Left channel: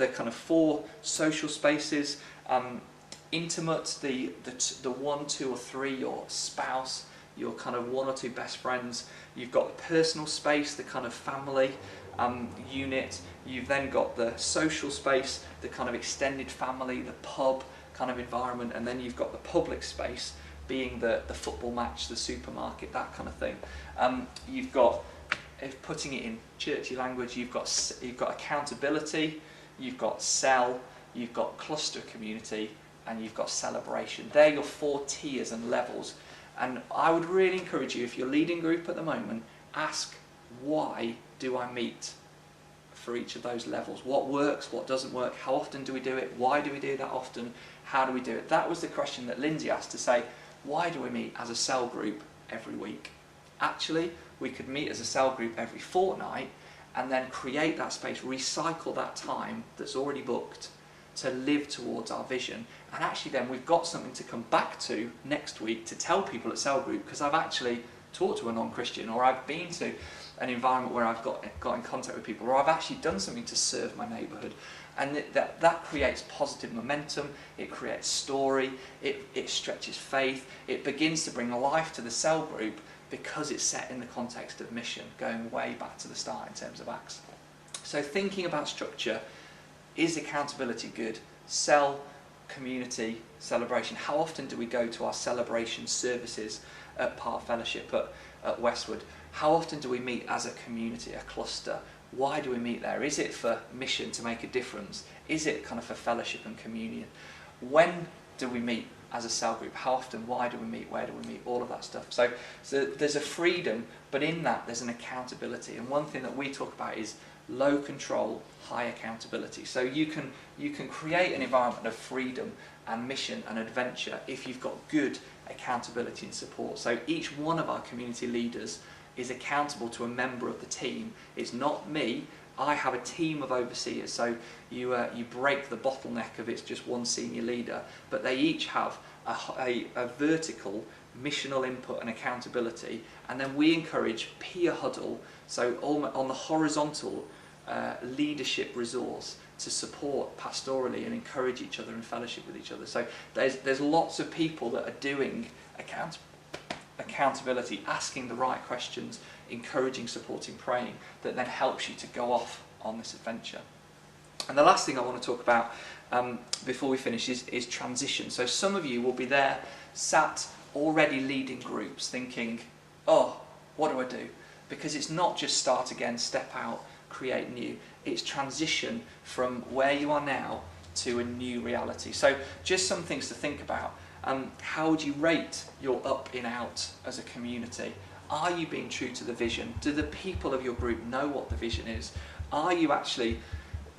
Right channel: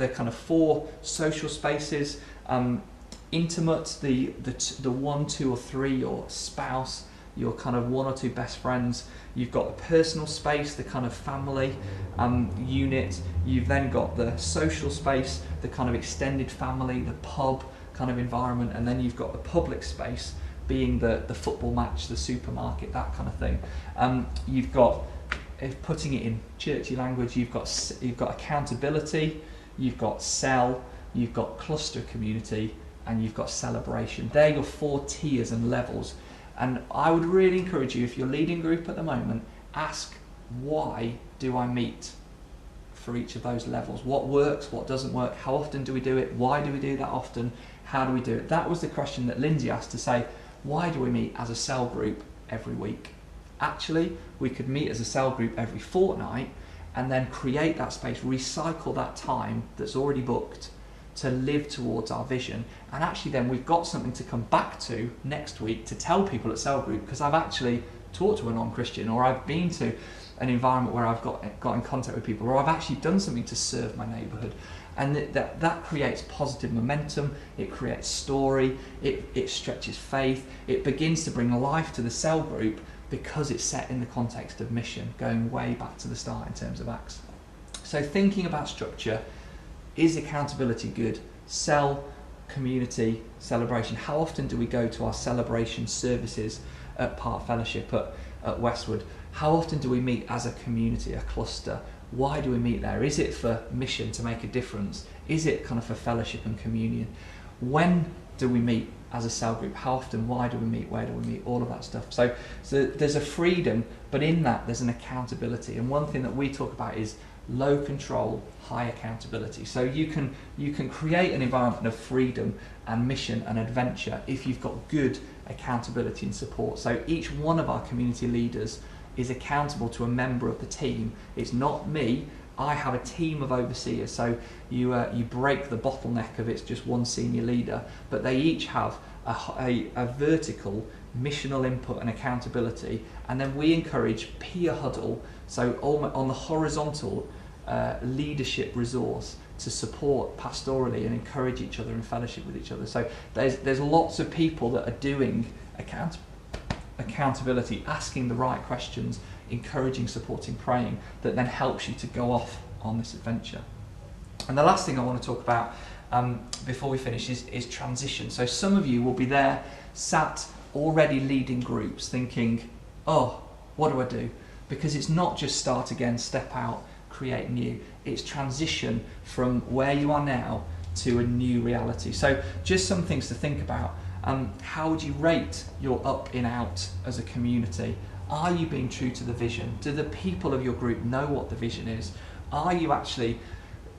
the kind of 4 social spaces. Intimate, the 1, 2 or 3, your spouse, your kind of 1 or 2 best friends. You've got the personal space, the kind of family unit. You've then got the social space, the kind of extended family, the pub kind of environment, and then you've got the public space, being the football match, the supermarket, that kind of thing. You've got, if putting it in churchy language, you've got accountability, you've got cell, you've got cluster community, and you've got celebration. They're your 4 tiers and levels. And I would really encourage you, if you're leading group at the moment, ask, why do I meet for each of those levels? What works, what doesn't work, how often do we do it, why do we do that often, how do we do it? That was the question that Lindsay asked, to say, why do we meet as a cell group every week? Actually, we could meet as a cell group every fortnight and then create that space, recycle that time that's already booked to live towards our vision. And actually then we've got something to come back to next week to tell people at cell group, because I've actually talked to a non-Christian, or I've been to an environment where I've got in contact with people, or I've actually done something to serve my neighbourhood. And that creates positive momentum, it creates story, it stretches faith, it begins to bring life to the cell group, because it's set in the context of mission, going way back to the start in terms of Acts. So thinking about structure, is accountability good? Cell, community, celebration. How often do we go to our celebration services at Park Fellowship, at Westwood? How often do we meet as a community, a cluster? Why do we meet there? Is it for mission, to make a difference? Is it kind of for fellowship and communion? When do we meet as a cell group? How often? Why do we meet? Where do we meet? All of that stuff. So there's a freedom, but in that there's an accountability. And one thing that we talk about is low control, high accountability. So you can create an environment of freedom and mission and adventure if you've got good accountability and support. So each one of our community leaders is accountable to a member of the team. It's not me. I have a team of overseers. So you break the bottleneck of it's just one senior leader, but they each have a vertical missional input and accountability. And then we encourage peer huddle, so on the horizontal leadership resource, to support pastorally and encourage each other and fellowship with each other. So there's lots of people that are doing accountability, asking the right questions, encouraging, supporting, praying, that then helps you to go off on this adventure. And the last thing I want to talk about before we finish is transition. So some of you will be there, sat already leading groups, thinking, oh, what do I do? Because it's not just start again, step out, create new. It's transition from where you are now to a new reality. So just some things to think about. How would you rate your up in out as a community? Are you being true to the vision? Do the people of your group know what the vision is? Are you actually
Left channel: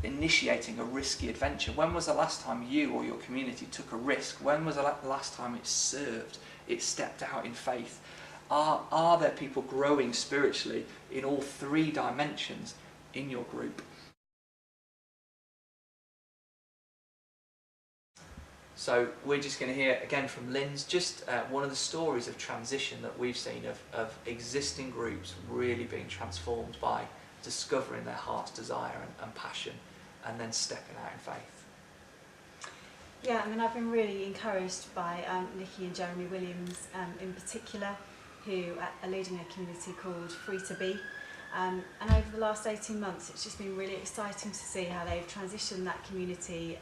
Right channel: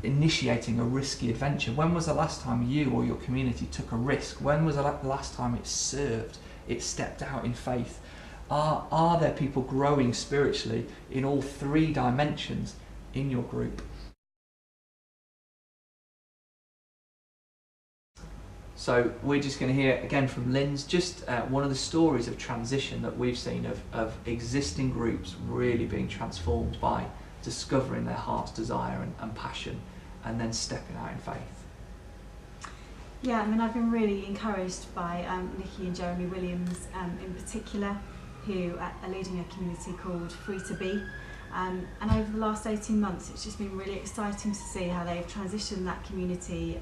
initiating a risky adventure? When was the last time you or your community took a risk? When was the last time it served? It stepped out in faith? Are there people growing spiritually in all 3 dimensions in your group? So we're just going to hear again from Lynn's, just one of the stories of transition that we've seen of existing groups really being transformed by discovering their heart's desire and passion, and then stepping out in faith. Yeah, I mean, I've been really encouraged by Nikki and Jeremy Williams in particular, who are leading a community called Free to Be. And over the last 18 months, it's just been really exciting to see how they've transitioned that community,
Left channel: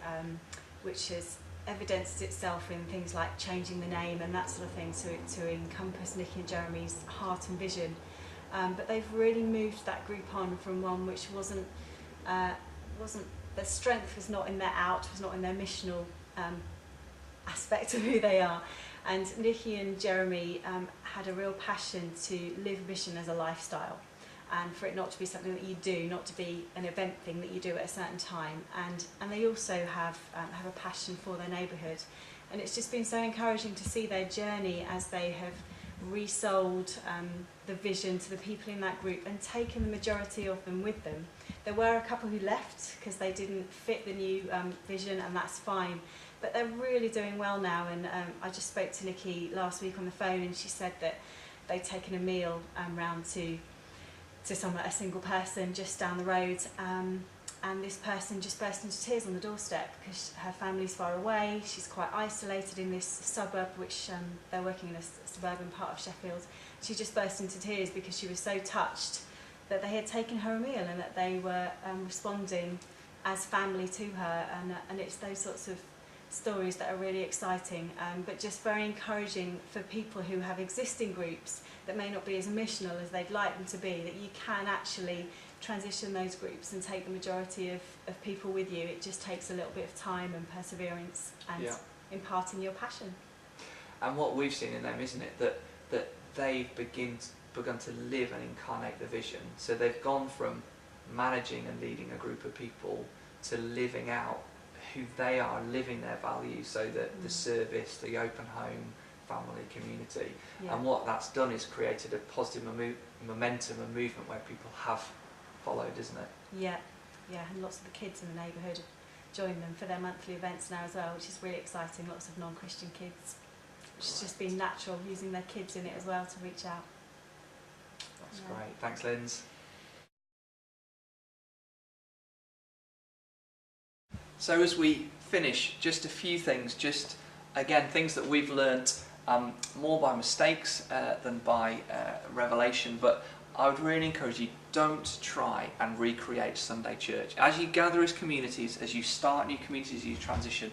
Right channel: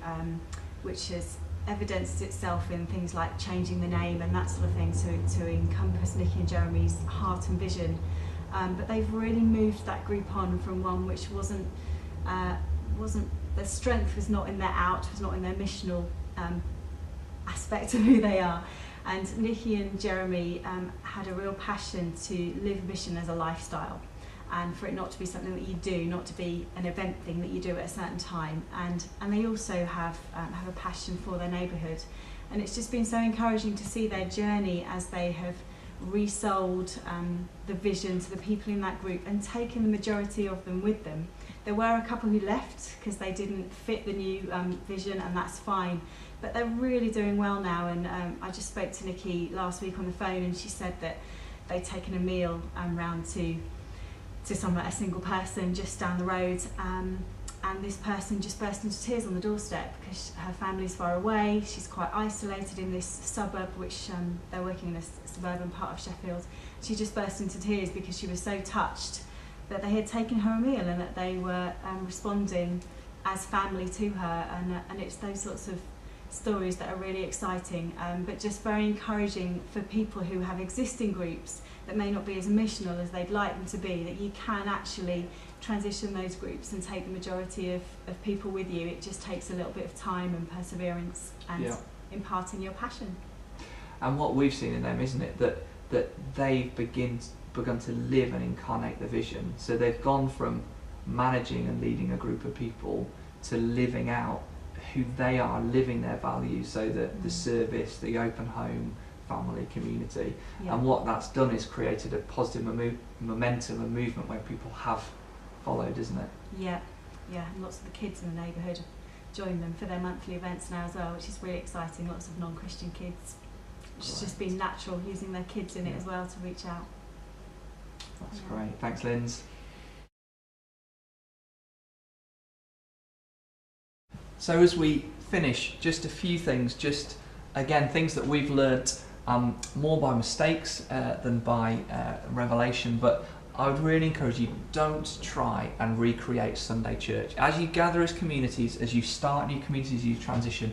which has evidenced itself in things like changing the name and that sort of thing to encompass Nikki and Jeremy's heart and vision. But they've really moved that group on from one which wasn't their strength was not in their out, was not in their missional aspect of who they are. And Nikki and Jeremy had a real passion to live mission as a lifestyle, and for it not to be something that you do, not to be an event thing that you do at a certain time. And they also have a passion for their neighbourhood. And it's just been so encouraging to see their journey as they have resold the vision to the people in that group and taken the majority of them with them. There were a couple who left because they didn't fit the new vision, and that's fine. But they're really doing well now. And I just spoke to Nikki last week on the phone, and she said that they'd taken a meal round to a single person just down the road, and this person just burst into tears on the doorstep because her family's far away, she's quite isolated in this suburb, which they're working in a suburban part of Sheffield. She just burst into tears because she was so touched that they had taken her a meal and that they were responding as family to her, and it's those sorts of stories that are really exciting, but just very encouraging for people who have existing groups that may not be as missional as they'd like them to be, that you can actually transition those groups and take the majority of people with you. It just takes a little bit of time and perseverance and imparting your passion. And what we've seen in them, isn't it, that they've begun to live and incarnate the vision. So they've gone from managing and leading a group of people to living out who they are, living their values, so that the service, the open home, family, community, and what that's done is created a positive momentum and movement where people have followed, isn't it? Yeah, and lots of the kids in the neighbourhood have joined them for their monthly events now as well, which is really exciting. Lots of non-Christian kids, which has just been natural, using their kids in it as well to reach out. That's great. Thanks, Linz. So as we finish, just a few things, just again, things that we've learnt more by mistakes than by revelation, but I would really encourage you, don't try and recreate Sunday church. As you gather as communities, as you start new communities, as you transition,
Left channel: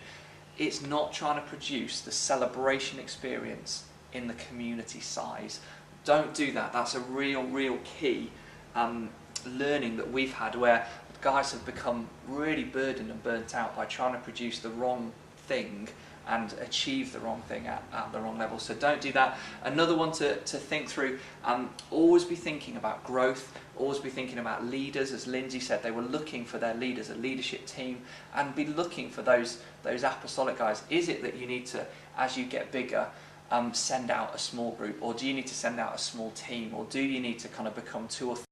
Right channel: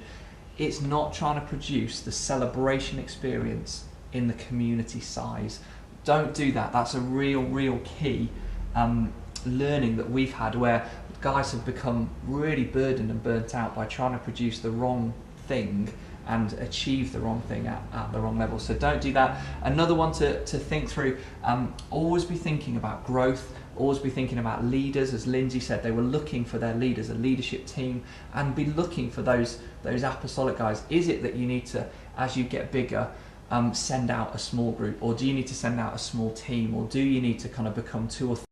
it's not trying to produce the celebration experience in the community size. Don't do that. That's a real key learning that we've had, where guys have become really burdened and burnt out by trying to produce the wrong thing and achieve the wrong thing at the wrong level. So don't do that. Another one to think through, always be thinking about growth, always be thinking about leaders. As Lindsay said, they were looking for their leaders, a leadership team, and be looking for those apostolic guys. Is it that you need to, as you get bigger, send out a small group, or do you need to send out a small team, or do you need to kind of become 2 or 3